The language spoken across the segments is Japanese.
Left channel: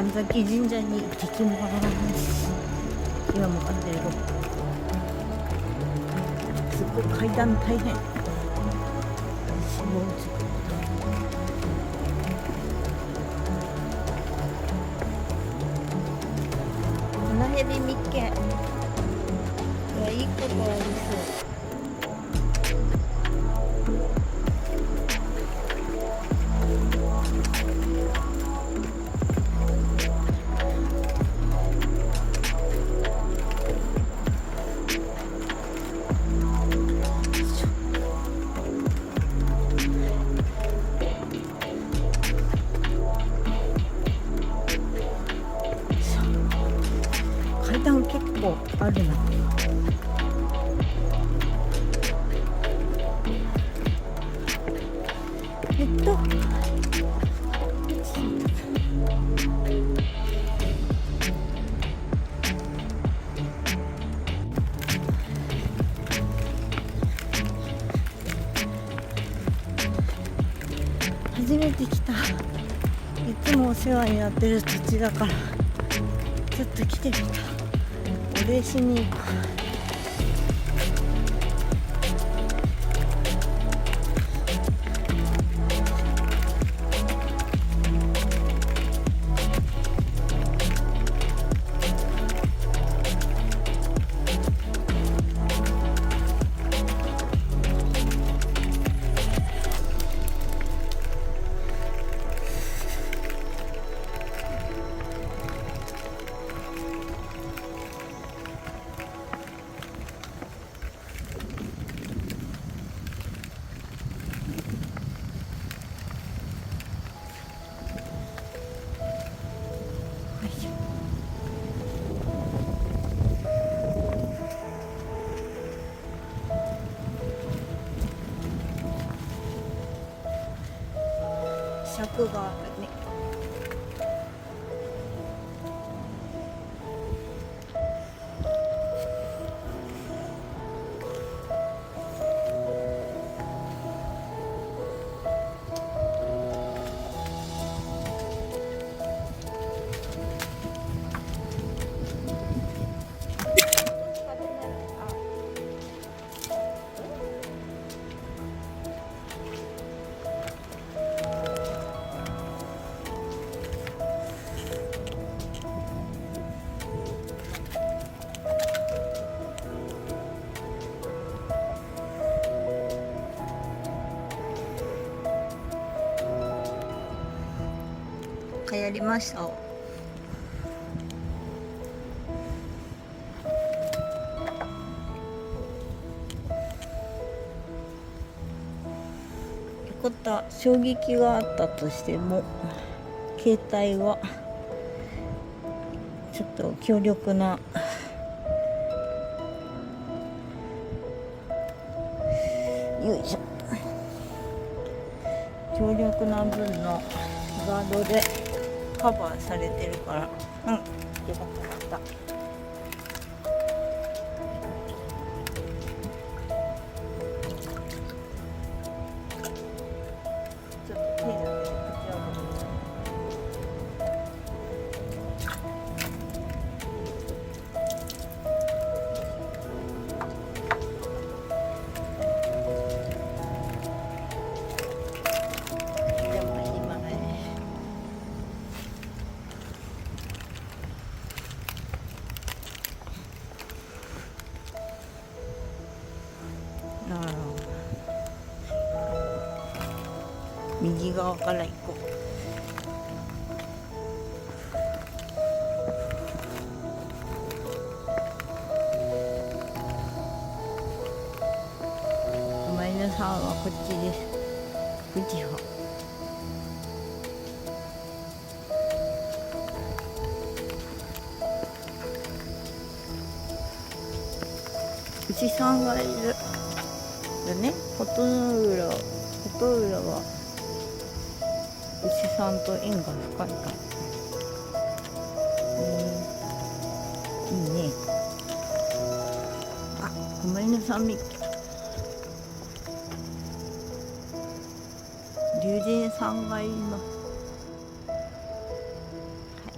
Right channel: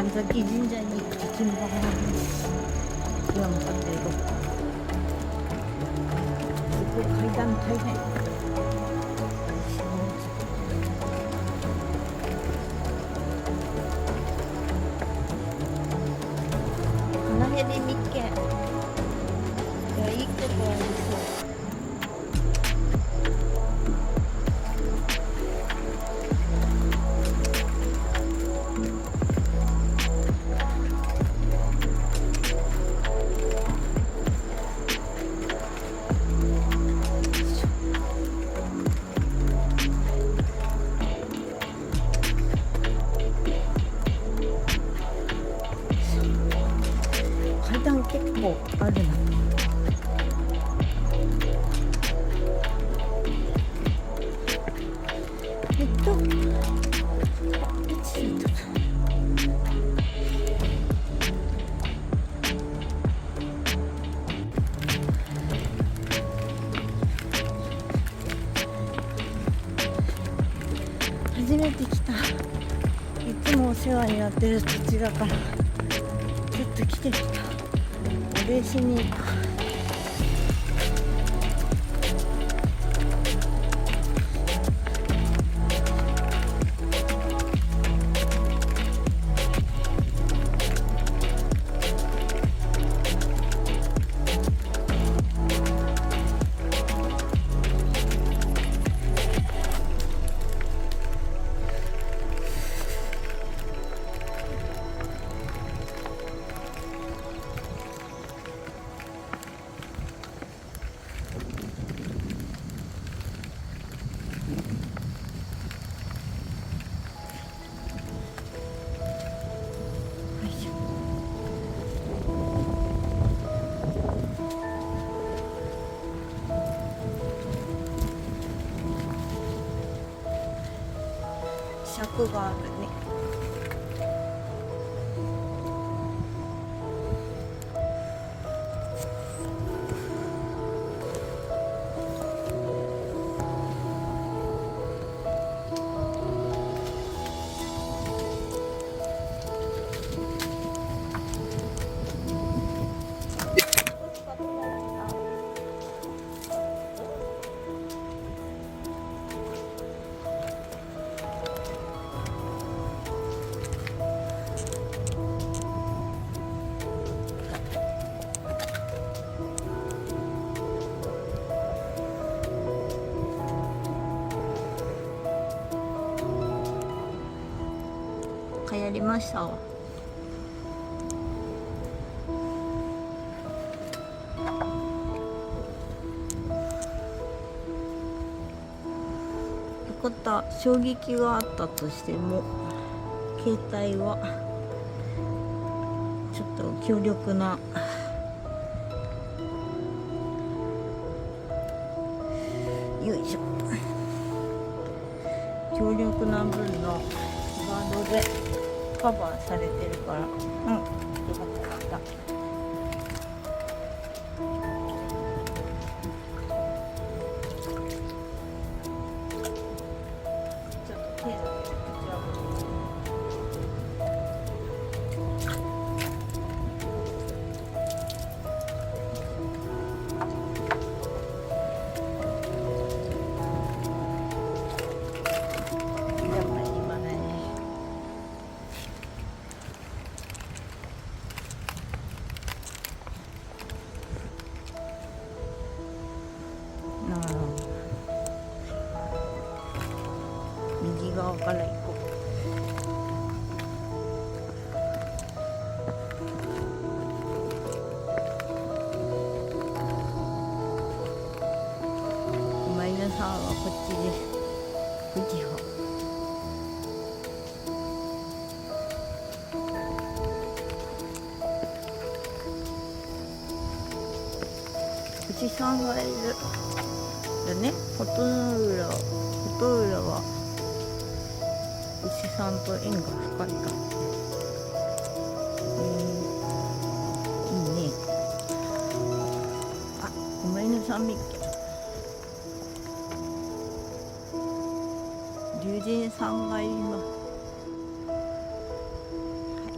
神崎神社に行きます。今向かっているとこ、すごい階段大変。この辺で見っけいいことありそう。階段結構あるな。初めて来た。いつもお世話になってる土地だから、ちょっと来てみた。お礼しに行く。尺があるね。流行りましたわ。よかった。衝撃があったとしても携帯はちょっと強力なよいしょ、強力な分のガードでカバーされてるから、よかった。ちょっと手なんでこちらごめんなさい。右側から行こう。マイナさんはこっちです。富士派。富士山がいるだね。琴浦は牛さんと縁が深いか。いいね。あ、ごめんなさい。龍神さんがいます。はい。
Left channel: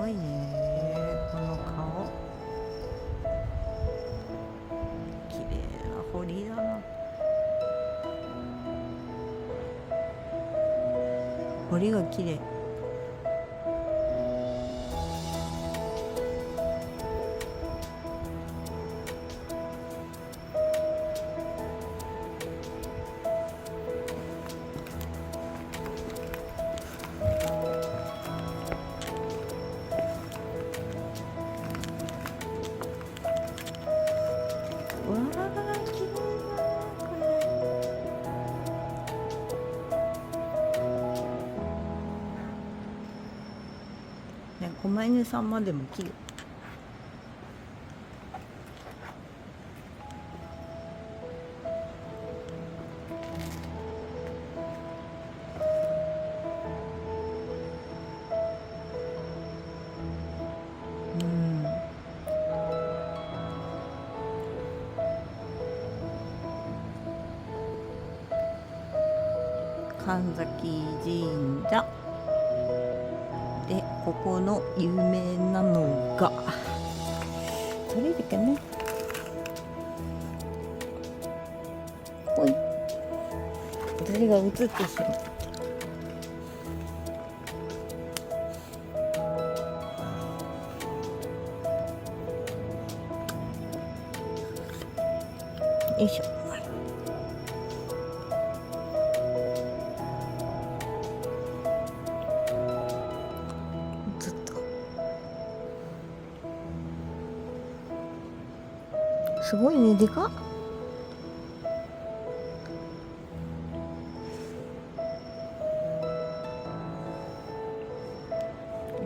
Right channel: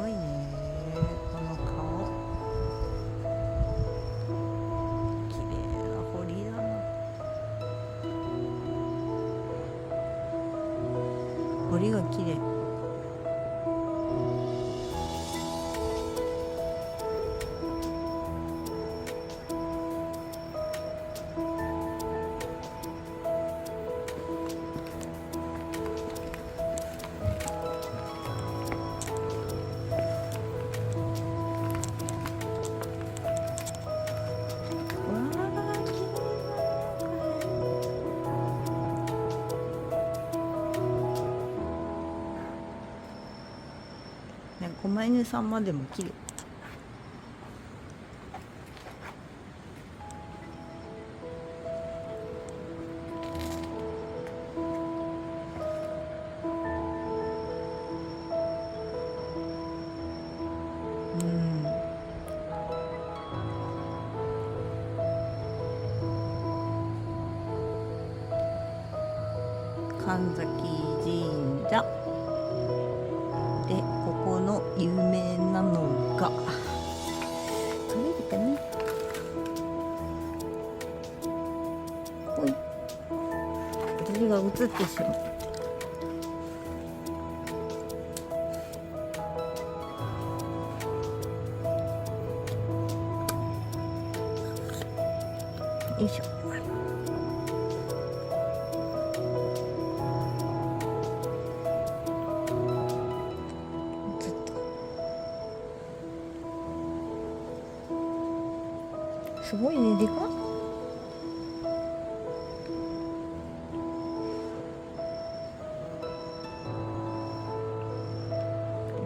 ごいねこの顔。綺麗な彫りだな。彫りが綺麗。わあ、綺麗だなこれ。ね、狛犬さんまでも綺麗。うん。神崎神社で、ここの有名なのがどれだっけね。ほい、私が映ってしまう。よいしょ。ずっとすごいね、でかっ。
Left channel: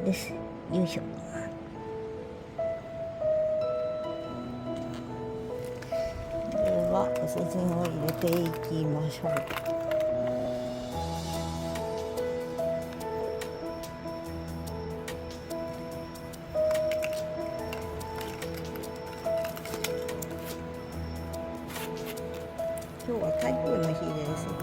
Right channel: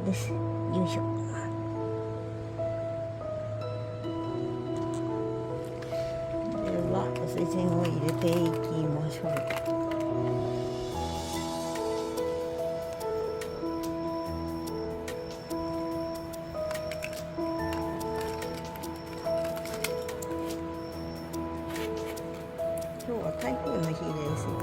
です。よいしょ。ではお世辞を入れていきましょう。今日は台風の日ですよ。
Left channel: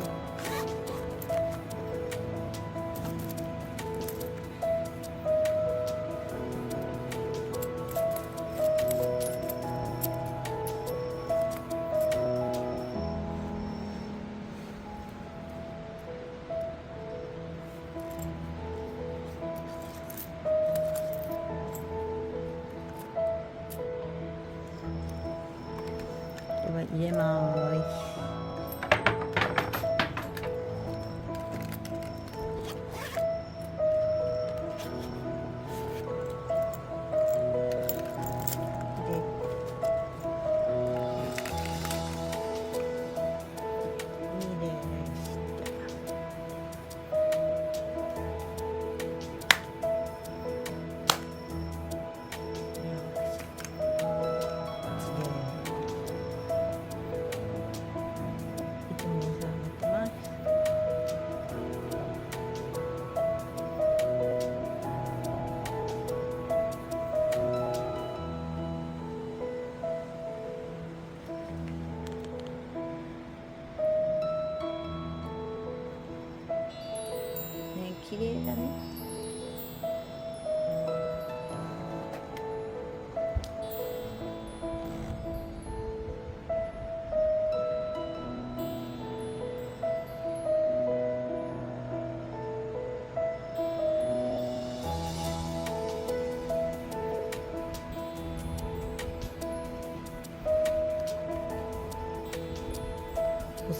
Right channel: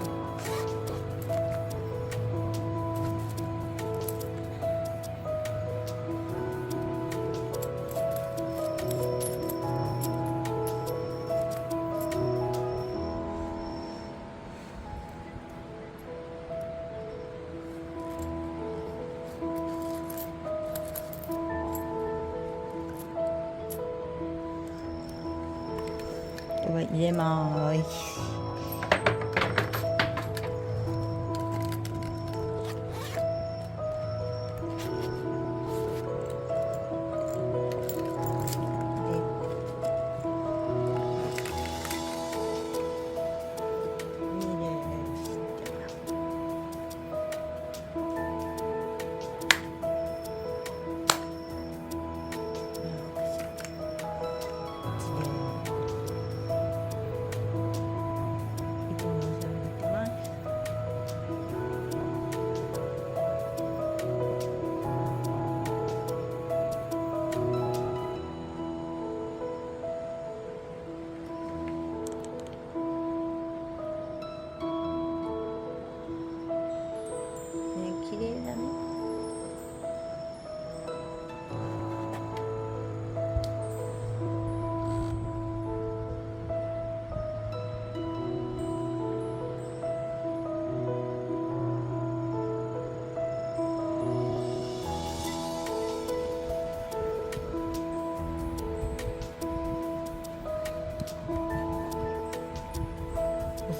これ入れます。で、2でしていつもお世話になってます。ね、綺麗だね。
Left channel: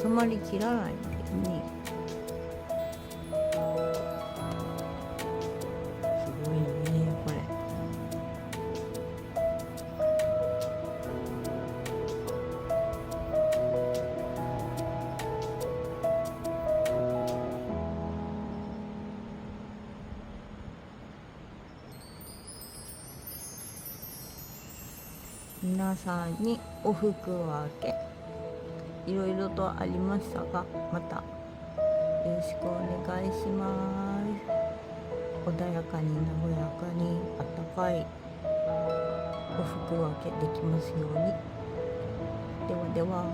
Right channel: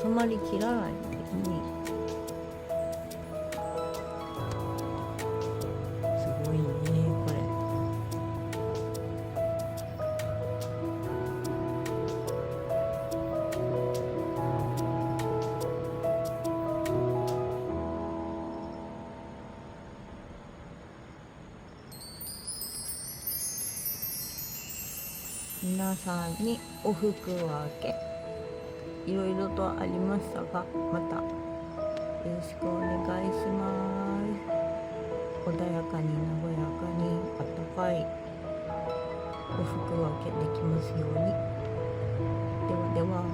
収まりきらないんだよね。すごいねこれ。皆さんにお服分けいろいろとありましたが、またよろしくお願いします。穏やかに和やかにあったかいお服分けできますように。ではでは。